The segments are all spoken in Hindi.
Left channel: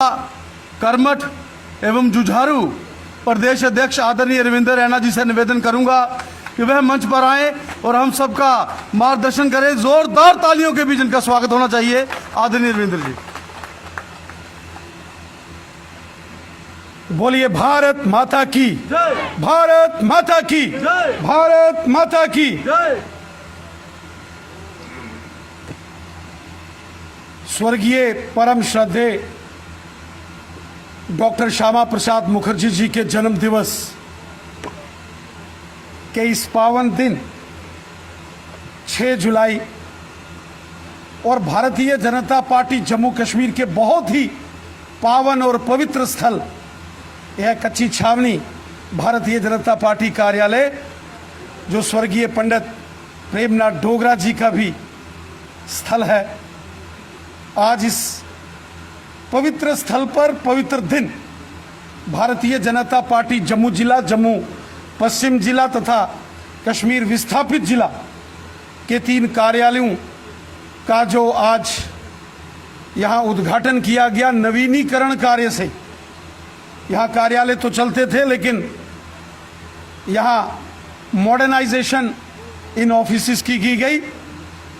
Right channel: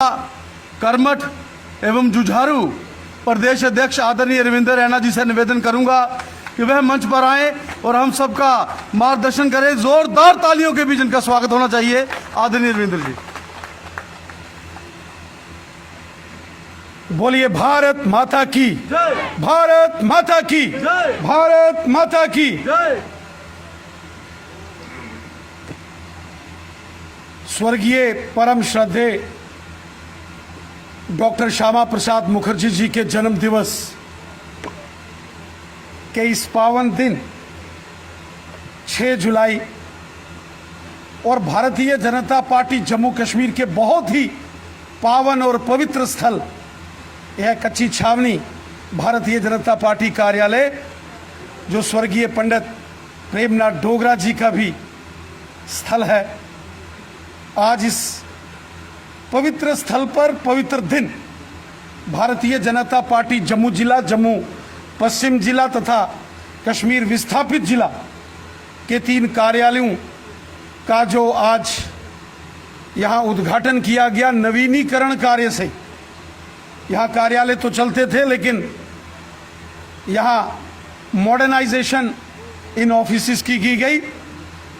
कर्मठ एवं जुझारू प्रदेश अध्यक्ष आदरणीय रविंद्र रैना जी से निवेदन करूंगा कि वह मंच पर आए और हम सबका मार्गदर्शन करें। जोरदार तालियों के बीच इनका स्वागत होना चाहिए। आदरणीय रविंद्र जी, बोलिए भारत माता की, भारत माता की, भारत माता की। स्वर्गीय परम श्रद्धेय डॉक्टर श्यामा प्रसाद मुखर्जी जी के जन्म दिवस के इस पावन दिन 6 जुलाई और भारतीय जनता पार्टी जम्मू कश्मीर के बहुत ही पावन और पवित्र स्थल यह कच्ची छावनी भारतीय जनता पार्टी कार्यालय, जो स्वर्गीय पंडित प्रेमनाथ डोगरा जी का भी स्थल है, आज इस पवित्र स्थल पर पवित्र दिन भारतीय जनता पार्टी जम्मू जिला, जम्मू पश्चिम जिला तथा कश्मीर विस्थापित जिला के 3 कार्यालयों का जो आज यहां उद्घाटन किया गया। नवीनीकरण कार्य से यहां कार्यालय तो चलते थे, लेकिन यहां मॉडर्नाइजेशन इन ऑफिसेस की गई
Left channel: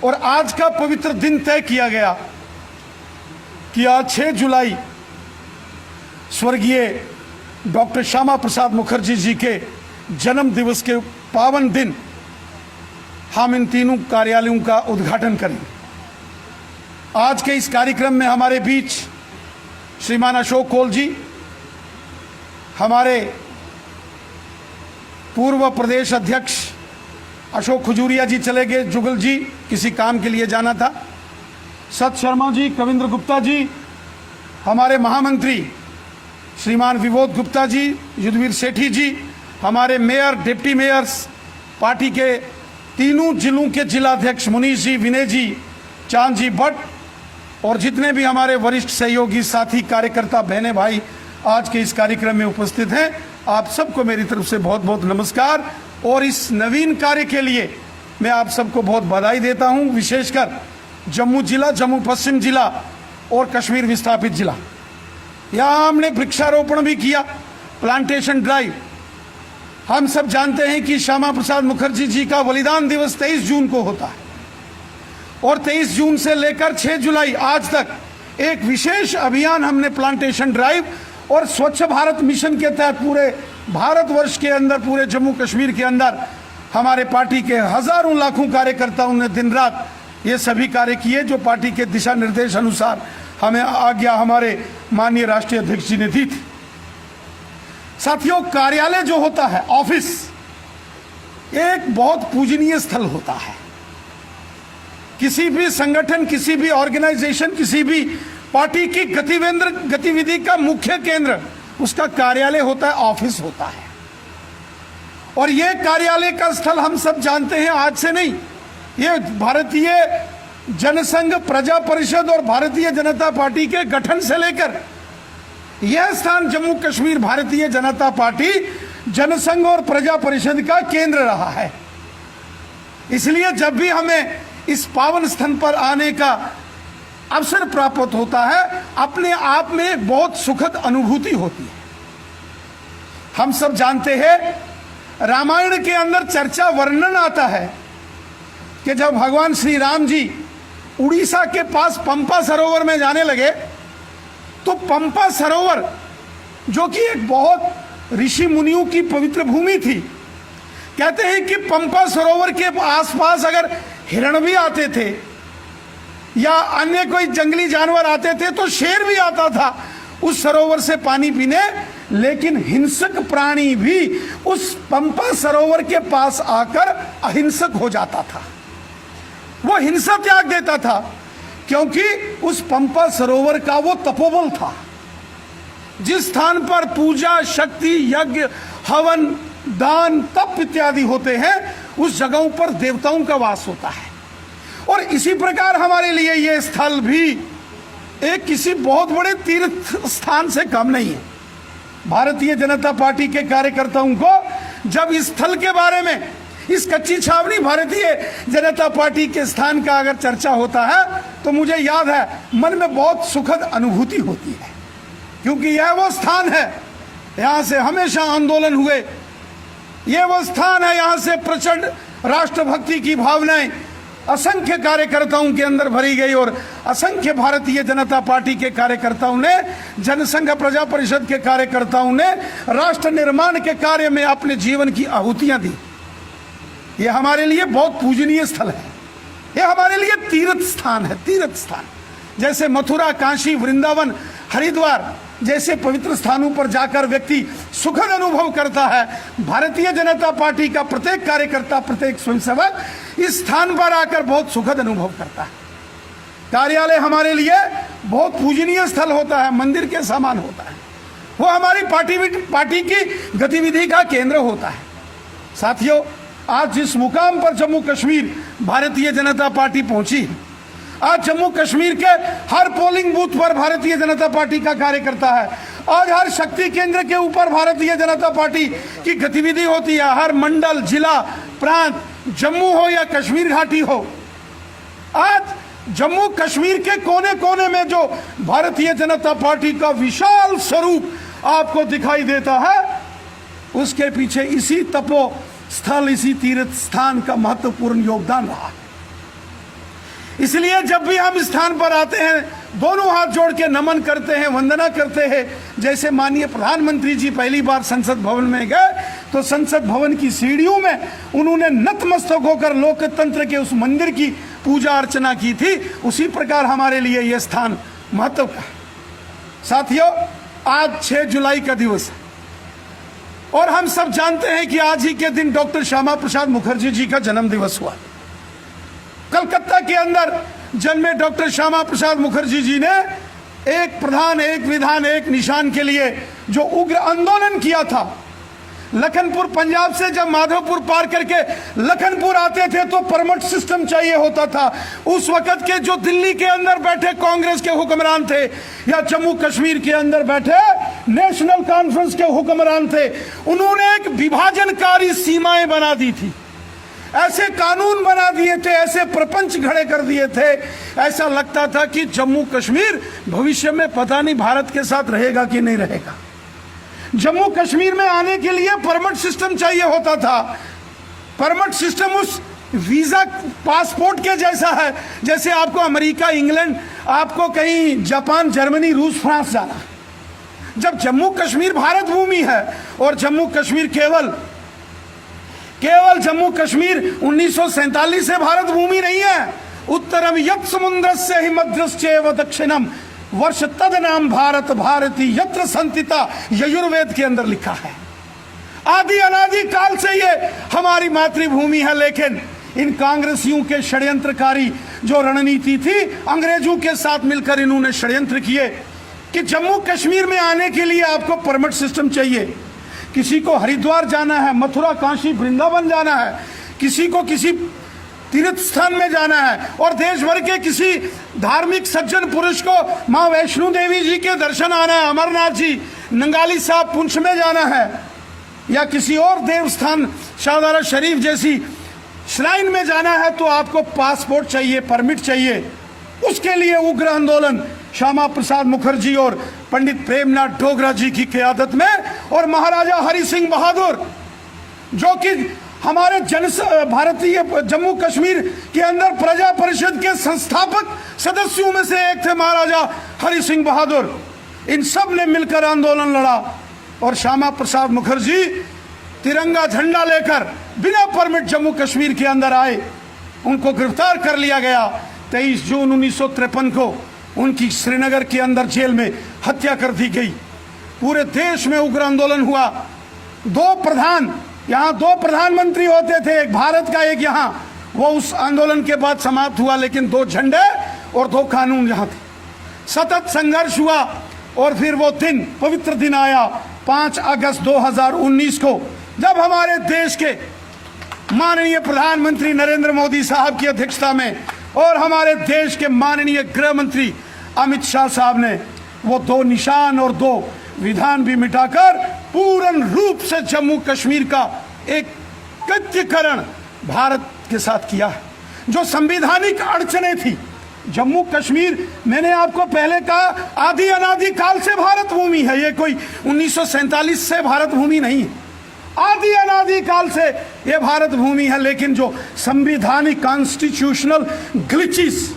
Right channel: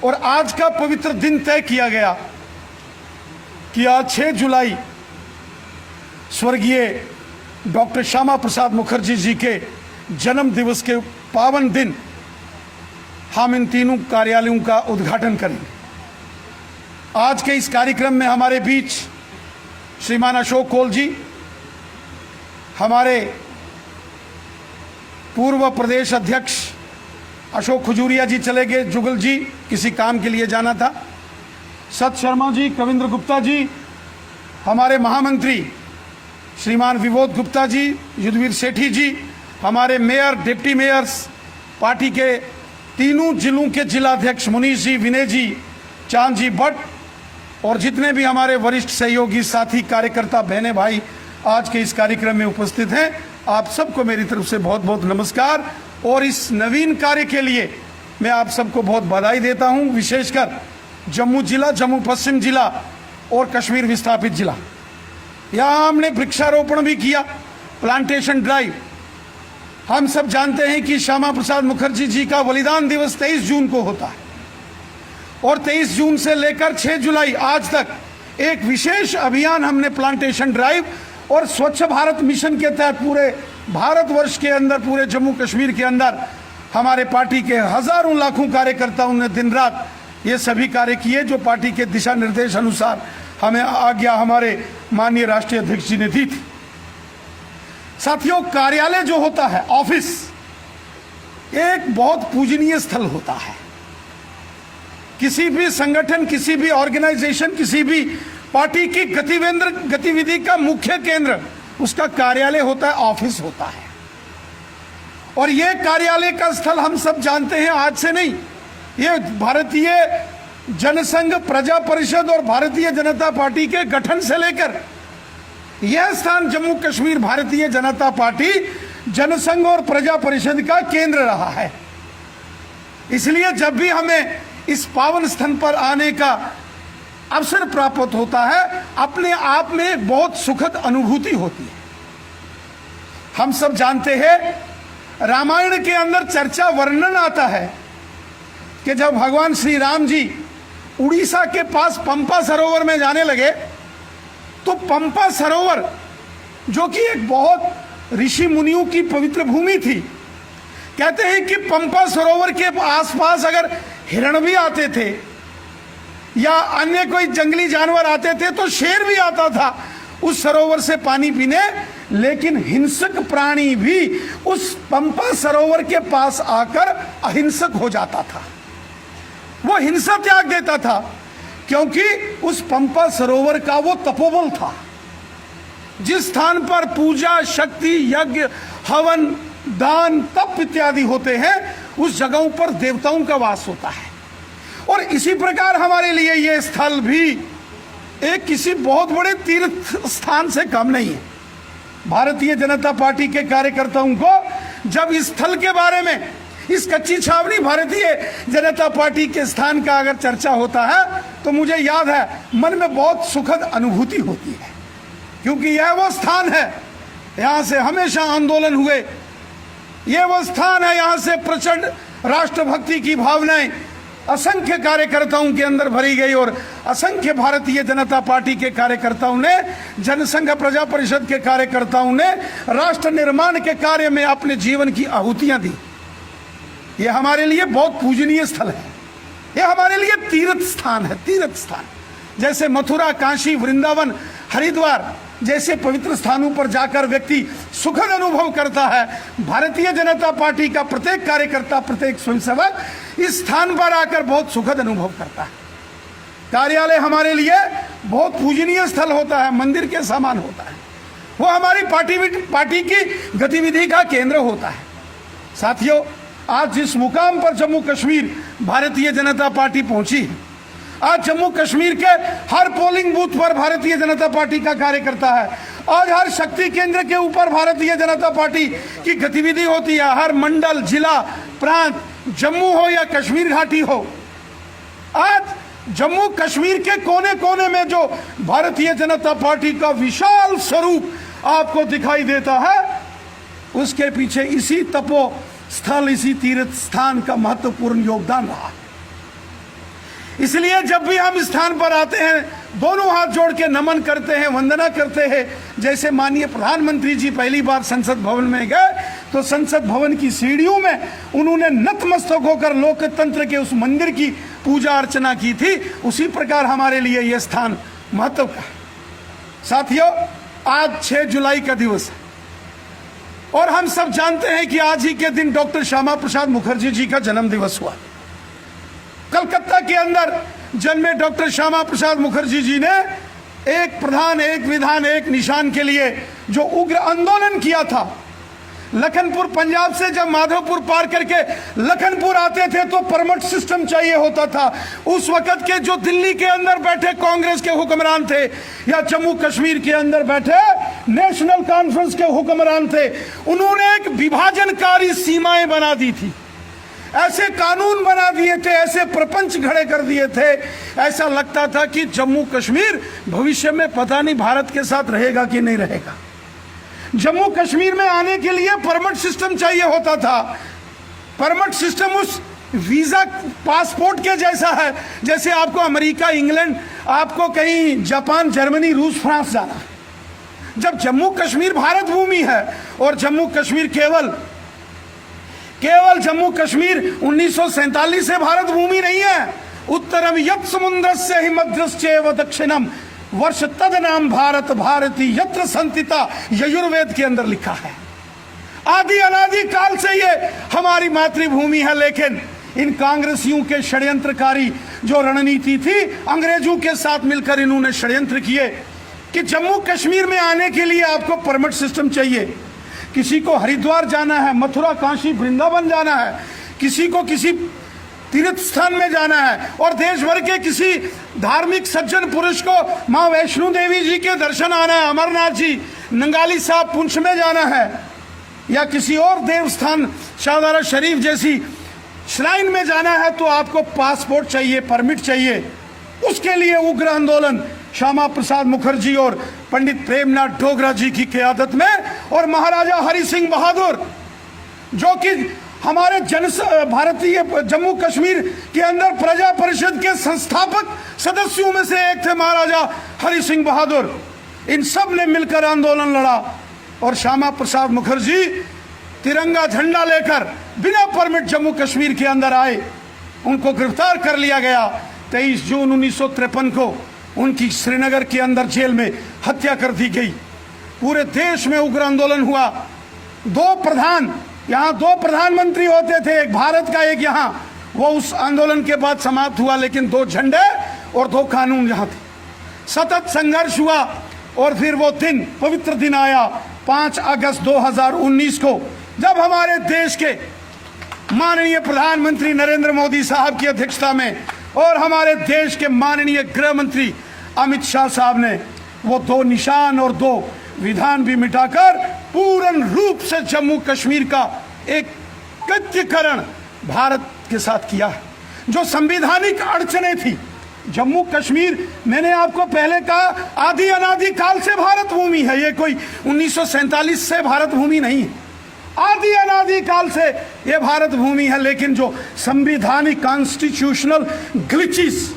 और आज का पवित्र दिन तय किया गया कि आज 6 जुलाई स्वर्गीय डॉक्टर श्यामा प्रसाद मुखर्जी जी के जन्म दिवस के पावन दिन हम इन 3 कार्यालयों का उद्घाटन करेंगे। आज के इस कार्यक्रम में हमारे बीच श्रीमान अशोक कौल जी, हमारे पूर्व प्रदेश अध्यक्ष अशोक खजूरिया जी चले गए, जुगल जी किसी काम के लिए जाना था, सत शर्मा जी, कविंद्र गुप्ता जी, हमारे महामंत्री श्रीमान विबोध गुप्ता जी, युद्धवीर सेठी जी, हमारे मेयर, डिप्टी मेयर्स, पार्टी के 3 जिलों के जिलाध्यक्ष मुनीष जी, विनय जी, चांद जी भट्ट और जितने भी हमारे वरिष्ठ सहयोगी साथी कार्यकर्ता बहने भाई आज के इस कार्यक्रम में उपस्थित हैं, आप सबको मेरी तरफ से बहुत बहुत नमस्कार। और इस नवीन कार्य के लिए मैं आप सबको बहुत बधाई देता हूं, विशेषकर जम्मू जिला, जम्मू पश्चिम जिला और कश्मीर विस्थापित जिला। यहां हमने वृक्षारोपण भी किया, प्लांटेशन ड्राइव। हम सब जानते हैं कि श्यामा प्रसाद मुखर्जी जी का बलिदान दिवस 23 जून को होता है और 23 जून से लेकर 6 जुलाई आज तक एक विशेष अभियान हमने प्लांटेशन ड्राइव और स्वच्छ भारत मिशन के तहत पूरे भारतवर्ष के अंदर, पूरे जम्मू कश्मीर के अंदर हमारे पार्टी के हजारों लाखों कार्यकर्ताओं ने दिन रात ये सभी कार्य किए, जो पार्टी के दिशा निर्देश अनुसार हमें आज्ञा हमारे माननीय राष्ट्रीय अध्यक्ष जी ने दी थी। साथियों, कार्यालय जो होता है, ऑफिस, एक बहुत पूजनीय स्थल होता है। किसी भी संगठन, किसी भी ऑर्गेनाइजेशन, किसी भी पार्टी की गतिविधि का मुख्य केंद्र उसका कार्यालय होता है, ऑफिस होता है। और यह कार्यालय का स्थल हम सब जानते हैं, आज से नहीं, ये भारतीय जनसंघ, प्रजा परिषद और भारतीय जनता पार्टी के गठन से लेकर यह स्थान जम्मू कश्मीर भारतीय जनता पार्टी जनसंघ और प्रजा परिषद का केंद्र रहा है। इसलिए जब भी हमें इस पावन स्थल पर आने का अवसर प्राप्त होता है, अपने आप में एक बहुत सुखद अनुभूति होती है। हम सब जानते हैं, रामायण के अंदर चर्चा, वर्णन आता है कि जब भगवान श्री राम जी उड़ीसा के पास पंपा सरोवर में जाने लगे, तो पंपा सरोवर जो कि एक बहुत ऋषि मुनियों की पवित्र भूमि थी, कहते हैं कि पंपा सरोवर के आसपास अगर हिरण भी आते थे या अन्य कोई जंगली जानवर आते थे तो शेर भी आता था उस सरोवर से पानी पीने, लेकिन हिंसक प्राणी भी उस पंपा सरोवर के पास आकर अहिंसक हो जाता था। वो हिंसा त्याग देता था, क्योंकि उस पंपा सरोवर का वो तपोबल था। जिस स्थान पर पूजा, शक्ति, यज्ञ, हवन, दान, तप इत्यादि होते हैं, उस जगहों पर देवताओं का वास होता है। और इसी प्रकार हमारे लिए ये स्थल भी एक किसी बहुत बड़े तीर्थ स्थान से कम नहीं है। भारतीय जनता पार्टी के कार्यकर्ताओं को जब इस स्थल के बारे में, इस कच्ची छावनी भारतीय जनता पार्टी के स्थान का अगर चर्चा होता है, तो मुझे याद है मन में बहुत सुखद अनुभूति होती है। क्योंकि यह वो स्थान है, यहां से हमेशा आंदोलन हुए, यह वो स्थान है, यहां से प्रचंड राष्ट्रभक्ति की भावनाएं असंख्य कार्यकर्ताओं के अंदर भरी गई और असंख्य भारतीय जनता पार्टी के कार्यकर्ताओं ने, जनसंघ प्रजा परिषद के कार्यकर्ताओं ने राष्ट्र निर्माण के कार्य में अपने जीवन की आहुतियां दी। यह हमारे लिए बहुत पूजनीय स्थल है, यह हमारे लिए तीर्थ स्थान है, तीर्थ स्थान। जैसे मथुरा, काशी, वृंदावन, हरिद्वार जैसे पवित्र स्थानों पर जाकर व्यक्ति सुखद अनुभव करता है, भारतीय जनता पार्टी का प्रत्येक कार्यकर्ता, प्रत्येक स्वयंसेवक इस स्थान पर आकर बहुत सुखद अनुभव करता है। कार्यालय हमारे लिए बहुत पूजनीय स्थल होता है, मंदिर के समान होता है, वो हमारी पार्टी की गतिविधि का केंद्र होता है। साथियों, आज जिस मुकाम पर जम्मू कश्मीर भारतीय जनता पार्टी पहुंची है, आज जम्मू कश्मीर के हर पोलिंग बूथ पर भारतीय जनता पार्टी का कार्यकर्ता है, आज हर शक्ति केंद्र के ऊपर भारतीय जनता पार्टी की गतिविधि होती है, हर मंडल, जिला, प्रांत, जम्मू हो या कश्मीर घाटी हो, आज जम्मू कश्मीर के कोने कोने में जो भारतीय जनता पार्टी का विशाल स्वरूप आपको दिखाई देता है, उसके पीछे इसी तपो स्थल, इसी तीर्थ स्थान का महत्वपूर्ण योगदान रहा। इसलिए जब भी हम इस स्थान पर आते हैं, दोनों हाथ जोड़ के नमन करते हैं, वंदना करते हैं। जैसे माननीय प्रधानमंत्री जी पहली बार संसद भवन में गए तो संसद भवन की सीढ़ियों में उन्होंने नतमस्तक होकर लोकतंत्र के उस मंदिर की पूजा अर्चना की थी, उसी प्रकार हमारे लिए यह स्थान महत्व का है। साथियों, आज 6 जुलाई का दिवस है और हम सब जानते हैं कि आज ही के दिन डॉक्टर श्यामा प्रसाद मुखर्जी जी का जन्म दिवस हुआ। कलकत्ता के अंदर जन्मे डॉक्टर श्यामा प्रसाद मुखर्जी जी ने एक प्रधान, एक विधान, एक निशान के लिए जो उग्र आंदोलन किया था। लखनपुर, पंजाब से जब माधोपुर पार करके लखनपुर आते थे तो परमिट सिस्टम चाहिए होता था। उस वक्त के जो दिल्ली के अंदर बैठे कांग्रेस के हुक्मरान थे या जम्मू कश्मीर के अंदर बैठे नेशनल कॉन्फ्रेंस के हुक्मरान थे, उन्होंने एक विभाजनकारी सीमाएं बना दी थी, ऐसे कानून बना दिए थे, ऐसे प्रपंच खड़े कर दिए थे, ऐसा लगता था कि जम्मू कश्मीर भविष्य में पता नहीं भारत के साथ रहेगा कि नहीं रहेगा। जम्मू कश्मीर में आने के लिए परमिट सिस्टम चाहिए होता था। परमिट सिस्टम उस वीजा पासपोर्ट के जैसा है जैसे आपको अमेरिका, इंग्लैंड, आपको कहीं जापान, जर्मनी, रूस, फ्रांस जाना। जब जम्मू कश्मीर भारत भूमि है और जम्मू कश्मीर केवल जम्मू कश्मीर 1947 से भारत भूमि नहीं है। उत्तरम यत् समुद्रस्य हि मध्यश्चैव दक्षिणम वर्ष तद नाम भारत भारती यत्र संतिता, यजुर्वेद के अंदर लिखा है। आदि अनादि काल से ये हमारी मातृभूमि है, लेकिन इन कांग्रेसियों के षड्यंत्रकारी जो रणनीति थी, अंग्रेजों के साथ मिलकर इन्होंने षड्यंत्र किए कि जम्मू कश्मीर में आने के लिए आपको परमिट सिस्टम चाहिए। किसी को हरिद्वार जाना है, मथुरा, काशी, वृंदावन जाना है, किसी को किसी तीर्थ स्थान में जाना है और देश भर के किसी धार्मिक सज्जन पुरुष को मां वैष्णो देवी जी के दर्शन आना है, अमरनाथ जी, नंगाली साहब पुंछ में जाना है या किसी और देव स्थान शाहदरा शरीफ जैसी श्राइन में जाना है, तो आपको पासपोर्ट चाहिए, परमिट चाहिए। उसके लिए उग्र आंदोलन श्यामा प्रसाद मुखर्जी और पंडित प्रेमनाथ डोगरा जी की क़यादत में और महाराजा हरि सिंह बहादुर, जो कि हमारे भारतीय जम्मू कश्मीर के अंदर प्रजा परिषद के संस्थापक सदस्यों में से एक थे महाराजा हरि सिंह बहादुर, इन सब ने मिलकर आंदोलन लड़ा और श्यामा प्रसाद मुखर्जी तिरंगा झंडा लेकर बिना परमिट जम्मू कश्मीर के अंदर आए। उनको गिरफ्तार कर लिया गया। 23 जून 1953 को उनकी श्रीनगर के अंदर जेल में हत्या कर दी गई। पूरे देश में उग्र आंदोलन हुआ। यहाँ दो प्रधानमंत्री होते थे, एक भारत का, एक यहाँ, वो उस आंदोलन के बाद समाप्त हुआ, लेकिन 2 झंडे और 2 कानून यहाँ थे। सतत संघर्ष हुआ और फिर वो दिन, पवित्र दिन आया 5 अगस्त 2019 को, जब हमारे देश के माननीय प्रधानमंत्री नरेंद्र मोदी साहब की अध्यक्षता में और हमारे देश के माननीय गृह मंत्री अमित शाह साहब ने वो 2 निशान और 2 विधान भी मिटाकर पूर्ण रूप से जम्मू कश्मीर का एक एकत्रीकरण भारत के साथ किया है। जो संवैधानिक अड़चने थी, जम्मू कश्मीर मैंने आपको पहले कहा आदि अनादि काल से भारत भूमि है, ये कोई 1947 से भारत भूमि नहीं है, आदि अनादि काल से ये भारत भूमि है। लेकिन जो संवैधानिक कॉन्स्टिट्यूशनल ग्लिचेस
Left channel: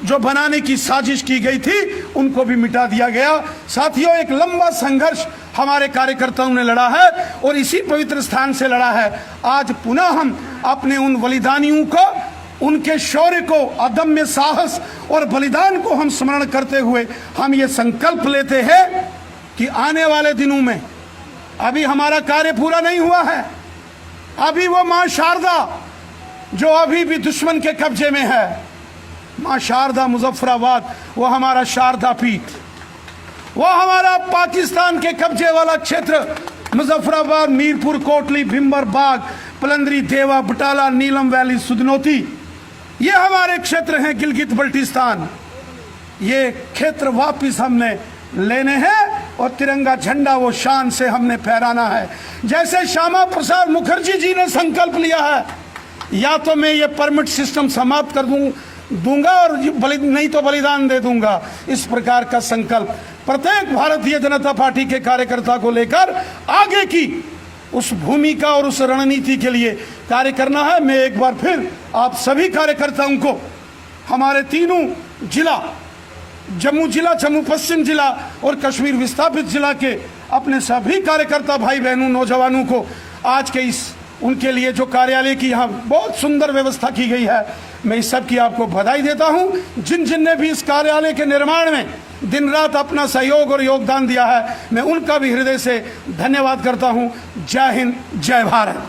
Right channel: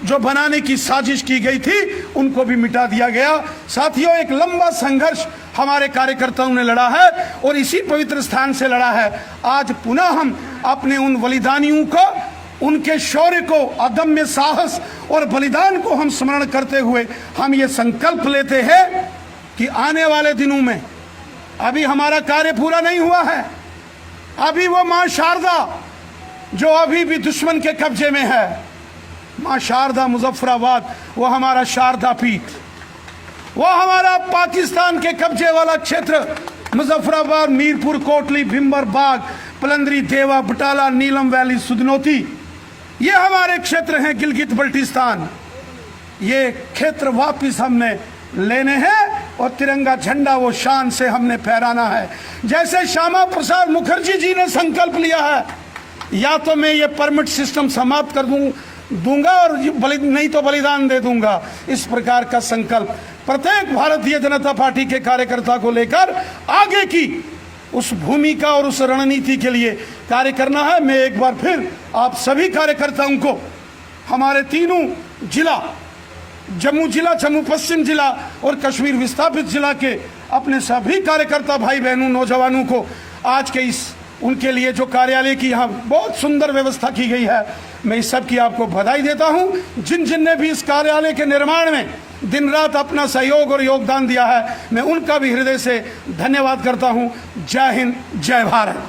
जो बनाने की साजिश की गई थी उनको भी मिटा दिया गया। साथियों, एक लंबा संघर्ष हमारे कार्यकर्ताओं ने लड़ा है और इसी पवित्र स्थान से लड़ा है। आज पुनः हम अपने उन बलिदानियों को, उनके शौर्य को, अदम्य साहस और बलिदान को हम स्मरण करते हुए हम ये संकल्प लेते हैं कि आने वाले दिनों में, अभी हमारा कार्य पूरा नहीं हुआ है, अभी वो मां शारदा जो अभी भी दुश्मन के कब्जे में है, मां शारदा मुजफ्फराबाद, वो हमारा शारदा पीठ, वो हमारा पाकिस्तान के कब्जे वाला क्षेत्र मुजफ्फराबाद, मीरपुर, कोटली, भिम्बर बाग, पलंदरी, देवा, बटाला, नीलम वैली, सुदनौती, ये हमारे क्षेत्र हैं। गिलगित बल्टिस्तान, ये क्षेत्र वापिस हमने लेने हैं और तिरंगा झंडा वो शान से हमने फहराना है। जैसे श्यामा प्रसाद मुखर्जी जी ने संकल्प लिया है, या तो मैं ये परमिट सिस्टम समाप्त कर दूंगा और नहीं तो बलिदान दे दूंगा, इस प्रकार का संकल्प प्रत्येक भारतीय जनता पार्टी के कार्यकर्ता को लेकर आगे की उस भूमिका और उस रणनीति के लिए कार्य करना है। मैं एक बार फिर आप सभी कार्यकर्ताओं को, हमारे तीनों जिला, जम्मू जिला, जम्मू पश्चिम जिला और कश्मीर विस्थापित जिला के अपने सभी कार्यकर्ता भाई बहनों, नौजवानों को आज के इस, उनके लिए जो कार्यालय की यहाँ बहुत सुंदर व्यवस्था की गई है, मैं इस सब की आपको बधाई देता हूँ। जिन जिन ने भी इस कार्यालय के निर्माण में दिन रात अपना सहयोग और योगदान दिया है, मैं उनका भी हृदय से धन्यवाद करता हूँ। जय हिंद, जय भारत।